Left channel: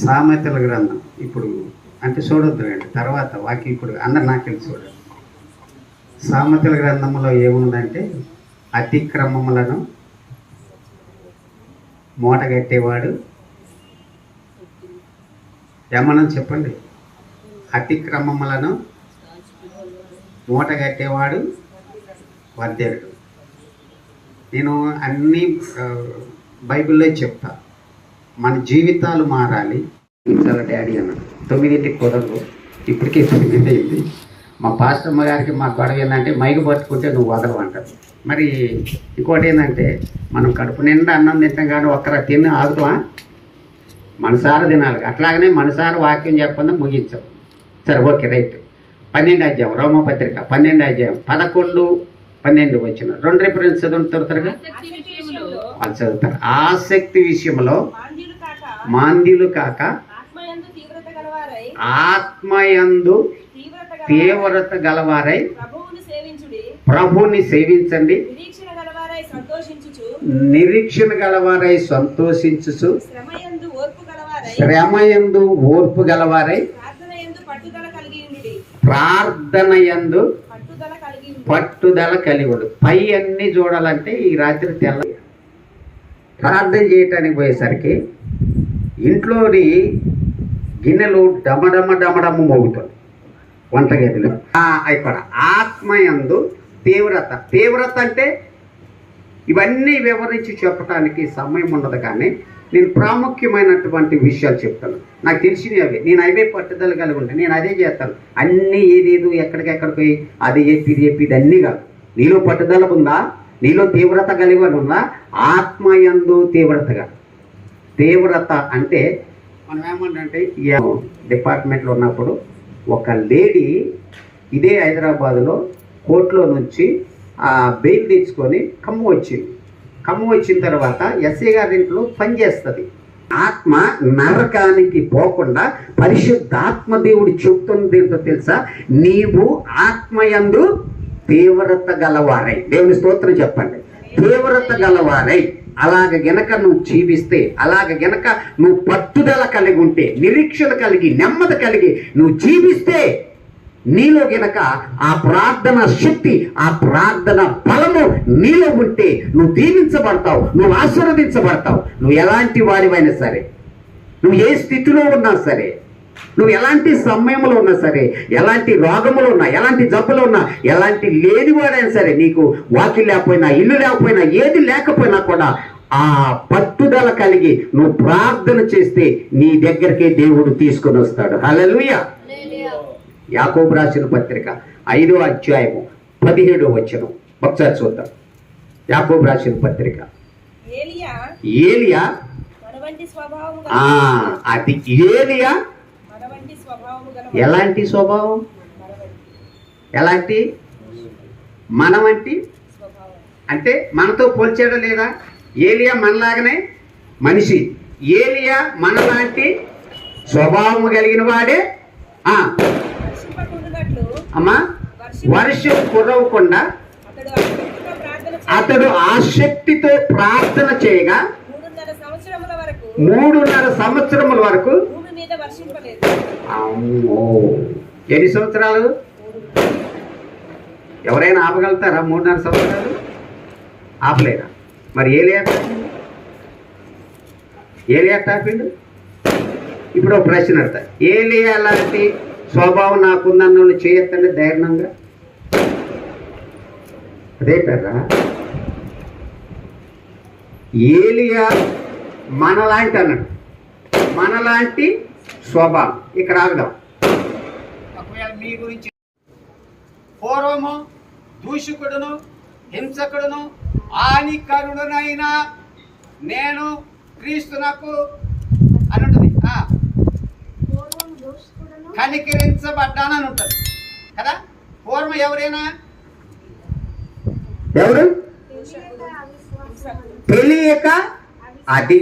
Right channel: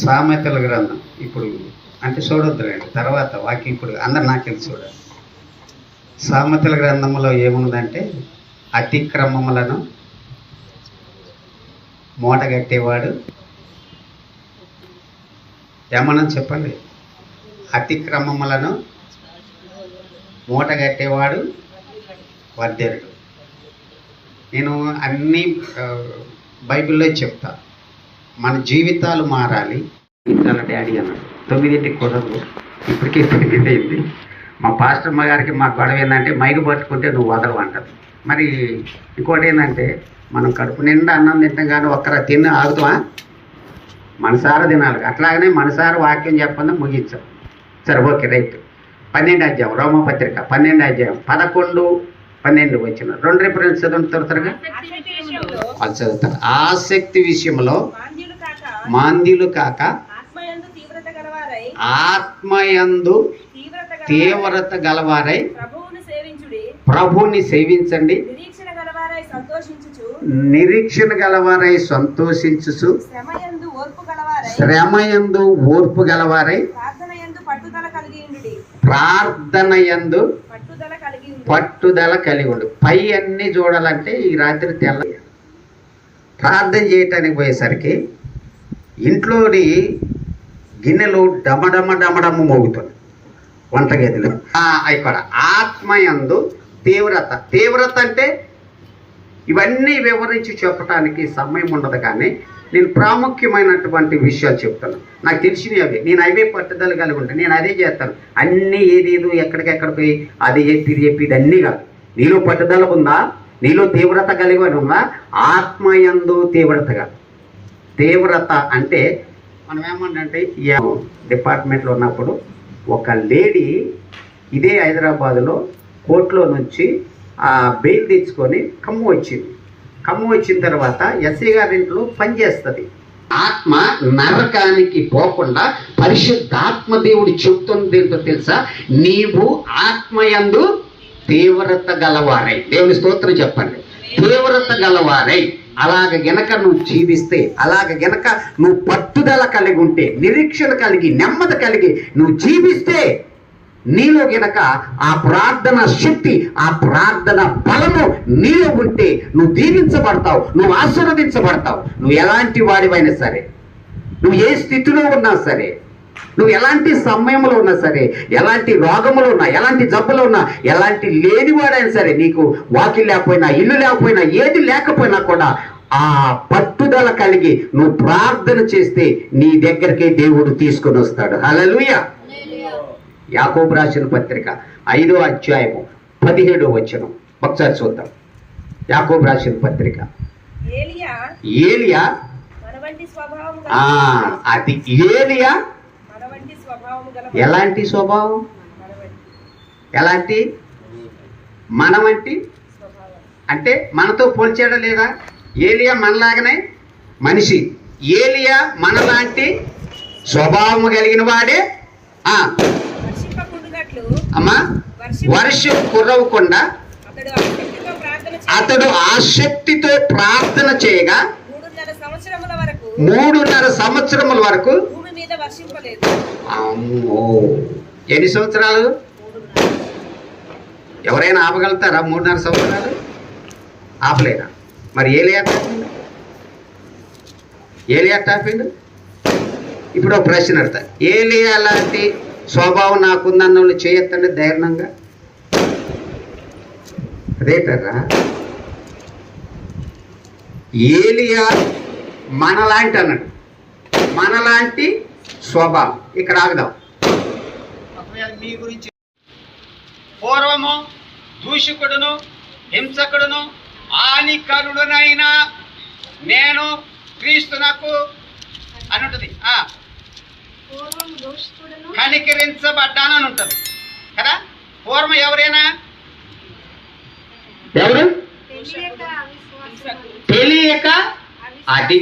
సామెతల గ్రంథం. ఇప్పుడు అంటే చూడొద్దురండి తర్వాత వాక్యం ఇప్పుడు అందరు నాకు తెలుసు చూడండి సామెతల గ్రంథంలో ఏముందంటే అతిక్రమములను మూట కట్టేవాడు ఏమన్నా చెప్పండి? అతిక్రమములను మూట కట్టేవాడు వర్ధరుడు నేను అన్నీ బైబిల్లో చెప్తాను మన జీవితాలు మారాలి. చాలా డాడీ అన్న. తొమ్మిదింటికి కుదరదు ఇప్పటికే తొమ్మిది అయింది మా పాస్టమ్మ గారికి మా గొడవ ఏంటంటే మైకు పట్టుకుంటే నువ్వు వదలవు అంటారు. మరి ఇంకోటి ఏంటంటే మనం కడుపు నిండా అన్నం తింటాం కానీ ఒక్కరా తిన్న ఆగుతామా మనసార తినాలి. అట్లాగనే మనసార వాక్యం చెప్పండి ముగించాం. సరే ఓకే రైట్. పన్నెండు అధ్యాయం రోమపత్రిక పన్నెండు అధ్యాయం. పదకొండు పన్నెండు వచ్చిన రెండు రిఫరెన్స్ చదువుతారు త్వరగా? ఆసక్తి విషయంలో అది చదువుతారు ఆసక్తి విషయంలో మాంద్యులు కాక ఆత్మయందు తీవ్రత గలవారై ప్రభువును సేవించుడి. నిరీక్షణ గలవారై సంతోషించుచు శ్రమయందు ఓర్పు గలవారై శ్రమయందు ఓర్పు గలవారై ప్రార్థనయందు పట్టుదల కలిగి ఉండు. పై అన్ని చూడాలంటే ఈ రాత్రి తెల్ల ప్రార్థన చేయటానికి పోయేసరికి ఇంట్లోని గిన్నెలు డమడమ డమడమ మోగుతుంది వంటగదిలో. ఆ, ఇక్కడ ఆత్మయందు తీవ్రత. తీవ్రత అంటే ఇవన్నీ వివరించి చెప్పడానికి సమయం ఉండదు కానీ నేను ప్రాముఖ్యమైనటువంటి విషయాలు చెప్తాను. నాకు తెలిసినవి అవి. నేను అవే పట్టుదల కలిగి ఉంటాను. నేను అదే చేస్తాను. అన్నీ ఏది ఏదో ఎక్కడికెక్కడ పోయి అది చెప్పి ఇది చెప్పి ఇది అన్నీ కాదు. నీలో పట్టుదల ఉందా? నీలో తీవ్రత కలిగి ఉందా ఆత్మయందు తీవ్రతగా తీవ్రత అంటే మనం ఏమంటే డిపార్ట్మెంట్లో ఉన్నప్పుడు ఒక లేడీ ఇదే హైదరాబాదులో కోర్టులో నుంచి ఆ బెయిల్ తెచ్చుకొని కమ్ము వచ్చింది. కమ్ము వచ్చిన తర్వాత ఎస్ఐ గారింట్లో పనిచేస్తుంది ఆత్మ నరకానికి పోకుండా పరిశుద్ధాత్మ దేవుడు చెప్తుంది ఏంటో తెలుసా? నీవు ఆత్మయందు తీవ్రత గలవారై. దేవుని స్తోత్రం చెప్పండి. తీవ్రత గలవారై. అలాగ గనక నువ్వు జీవిస్తే అలాగ గనక నువ్వు పట్టుదల కలిగి ఉంటే నిరీక్షణ కలిగి నెమ్మది కలిగి నువ్వు జీవిస్తే నీలో గనక ఆ ప్రార్థన శక్తి ఆ ప్రార్థన బలము నీలో ఉంటే నువ్వు దీవించబడతావు నువ్వు ఆశీర్వదించబడతావు. నువ్వు ఎలాంటి వాడివైనా సరే నువ్వు ఏ స్థితిలో ఉన్నా సరే నువ్వు ఎలాంటి సమయంలో ఉన్నా సరే ఎలాంటి రోగములు ఉన్నా ఎలాంటి జబ్బులు ఉన్నా ఎలాంటి లేనివాడైనా సరే నీకు వాకి లేకపోయినా ఇల్లు లేకపోయినా ఏది లేకపోయినా కూడా ఆ పట్టుదల కలిగి నువ్వు ప్రార్థన చేస్తే నీ దగ్గరికే దేవుడు తీసుకొని వస్తాడు. హల్లెలూయా. యాకోబు రాసిన పత్రిక ఐదో అధ్యాయము పదిహేడో వచనం. ఒకసారి చూద్దాం. యాకోబు రాసిన పత్రిక. ఏలియా అది ఏలియా? ఎలాంటి స్వభావం? ఎలాంటి? మన వంటి స్వభావం. అంటే మనతో పోల్చాడా లేదా? ఏలియా మనలాగనే మనిషి. ఏలియా మనలాంటి స్వభావం కలిగిన వాడే. అమ్మా వర్షం కురవకుండా అతడు ఆసక్తితో ప్రార్థన చేయగా మూడున్నర సంవత్సరముల వరకు అమ్మో! ఎన్ని సంవత్సరాలు? ఎవరైనా ఆపగలుగుతారా మూడున్నర సంవత్సరాలు? ఆపలేరా మరి ఏలియా ఏలియా టాపిండు ఇప్పుడు ఒక ప్రశ్న అడతా ఏలియా లాంటి స్వభావం నాకుందన్న చేయొత్తండి చేయొద్దండి ధైర్యంగా అదేటరా ఏలియా మనలాంటి అన్నాడు. మనలాంటి స్వభావం. ఇక్కడ ఆగుదాం మీ గురించి పూర్వము దూషకుడును హింసకుడును హానికరుడునైనా నేను క్రీస్తునకు అని ఉంటుంది ఆ, కనికరించబడ్డానని ఉంటుంది కదా? పూర్వం ఎవరైనా? ఎవరు? తెలియక అది